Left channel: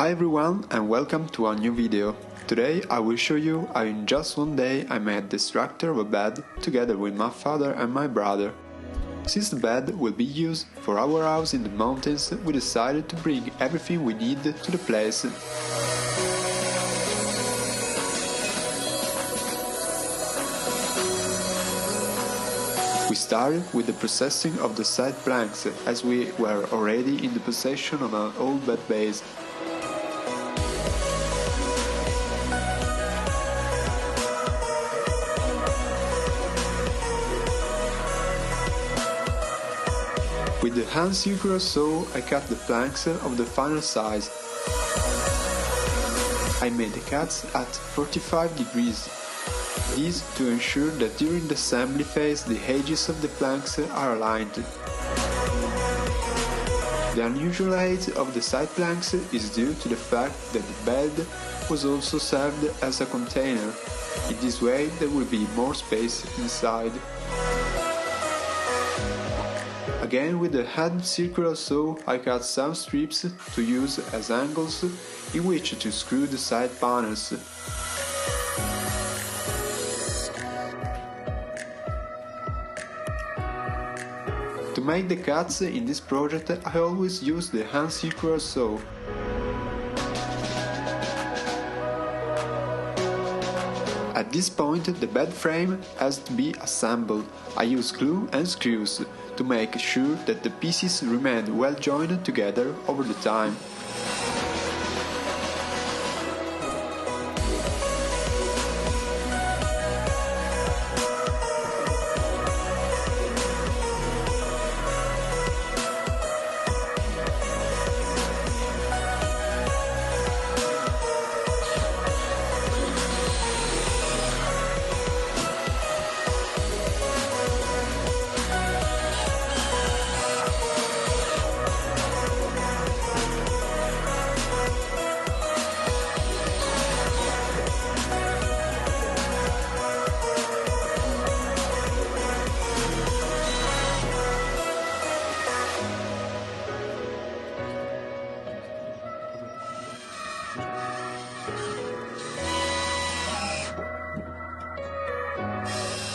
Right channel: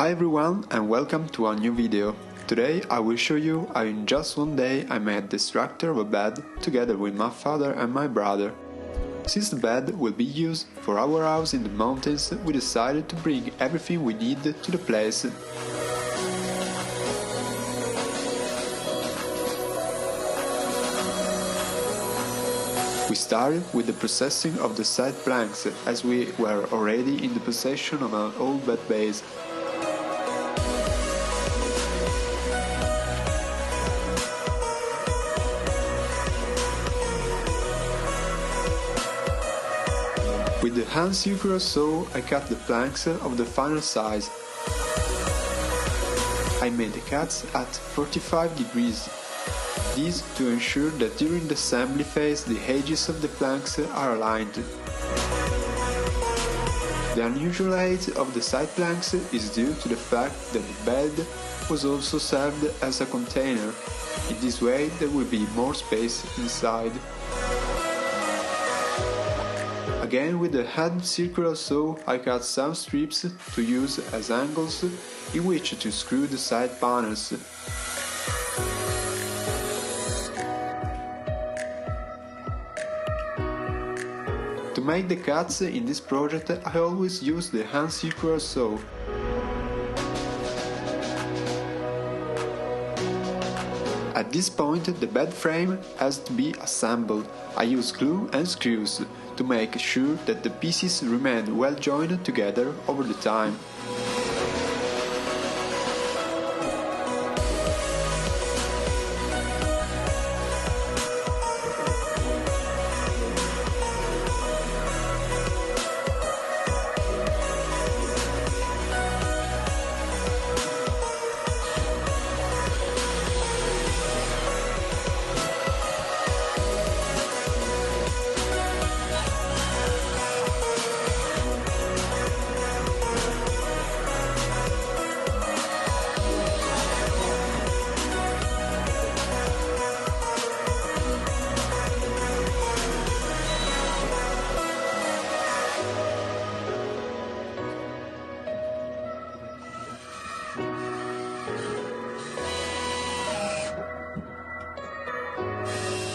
Hi everyone and welcome to a new video. Today I will show you how in just one day I made the structure of a bed together with my father and my brother. Since the bed will be used for our house in the mountains, we decided to bring everything we need to the place. We started with the processing of the side planks, as we were already in the possession of an old bed base. With the hand circular saw, I cut the planks of the final size. I made the cuts at 45 degrees. This to ensure that during the assembly phase the edges of the planks are aligned. The unusual height of the side planks is due to the fact that the bed was also served as a container. In this way there will be more space inside. Again with the hand circular saw I cut some strips to use as angles in which to screw the side panels. To make the cuts in this project I always use the hand circular saw. At this point the bed frame has to be assembled. I use glue and screws to make sure that the pieces remain well joined together over the time.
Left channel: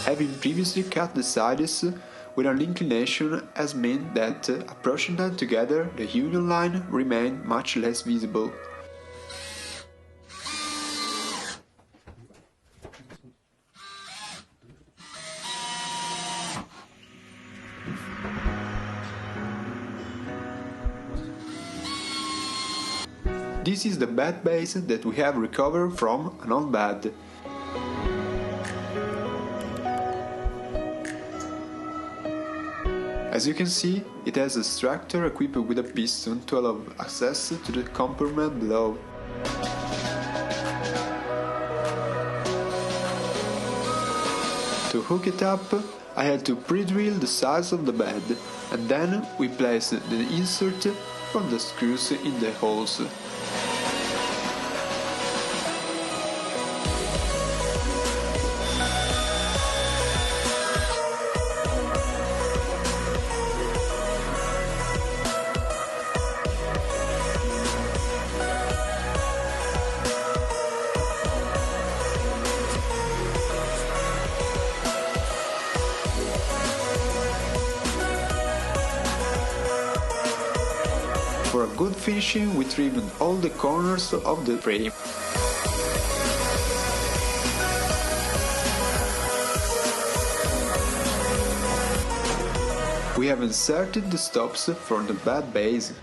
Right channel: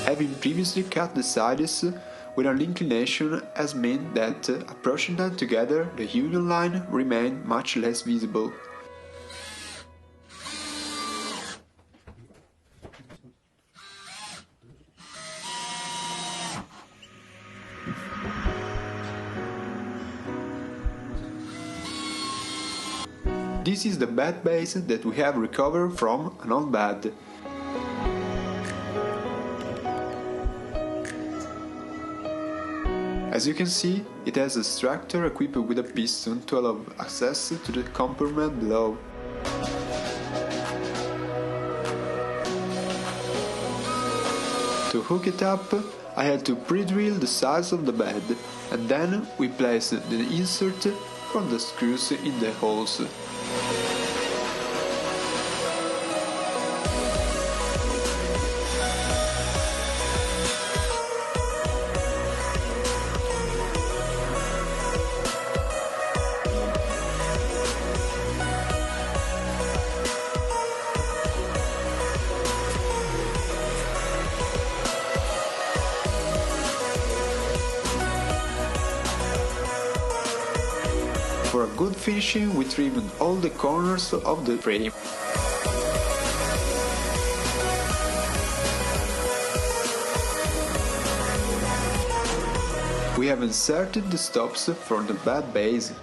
Having previously cut the sides with an inclination has meant that approaching them together the union line remained much less visible. This is the bed base that we have recovered from an old bed. As you can see, it has a structure equipped with a piston to allow access to the compartment below. To hook it up, I had to pre-drill the sides of the bed, and then we placed the insert for the screws in the holes. For a good finishing, we trimmed all the corners of the frame. We have inserted the stops for the bed base.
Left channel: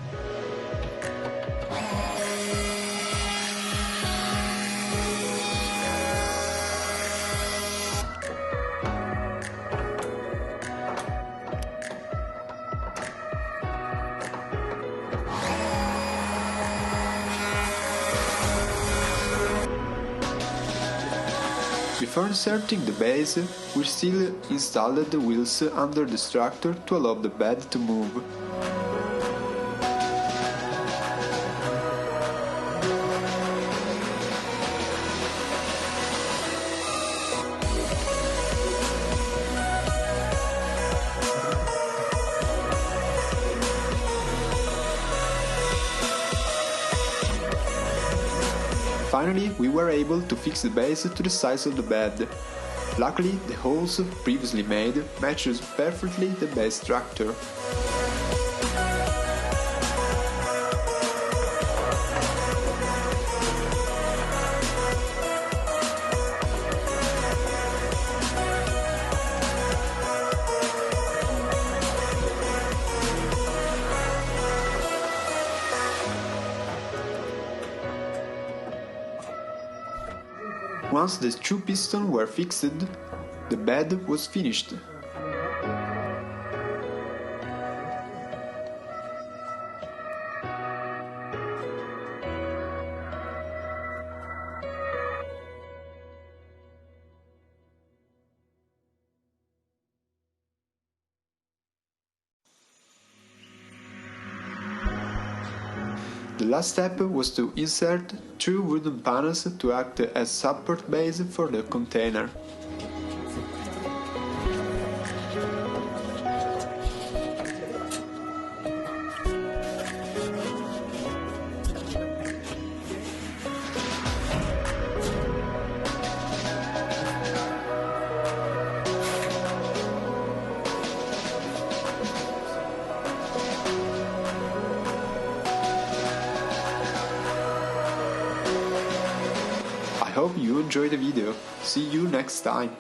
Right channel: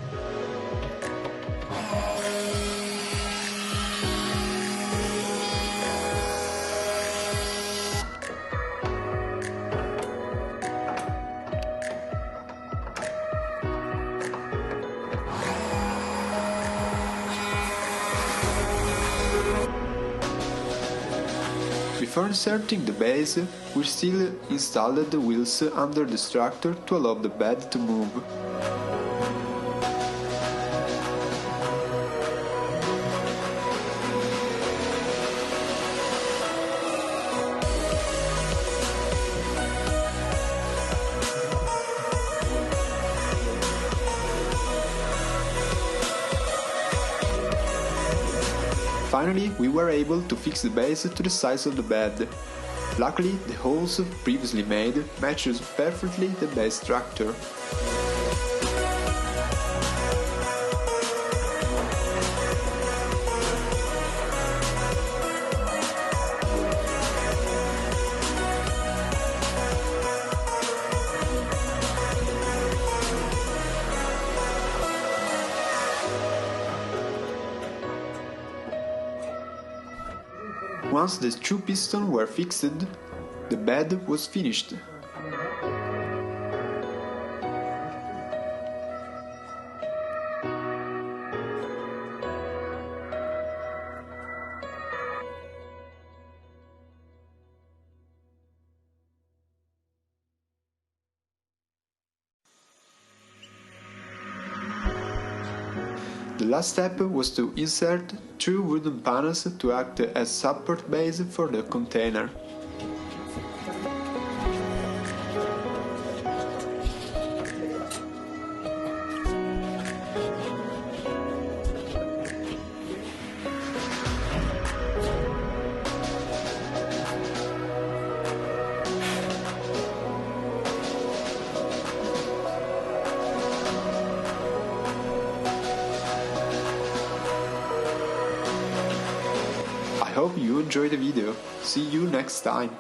Before inserting the base, we still installed the wheels under the structure to allow the bed to move. Finally, we were able to fix the base to the size of the bed. Luckily, the holes previously made matches perfectly the base structure. Once the two pistons were fixed, the bed was finished. The last step was to insert two wooden panels to act as support base for the container. I hope you enjoyed the video. See you next time.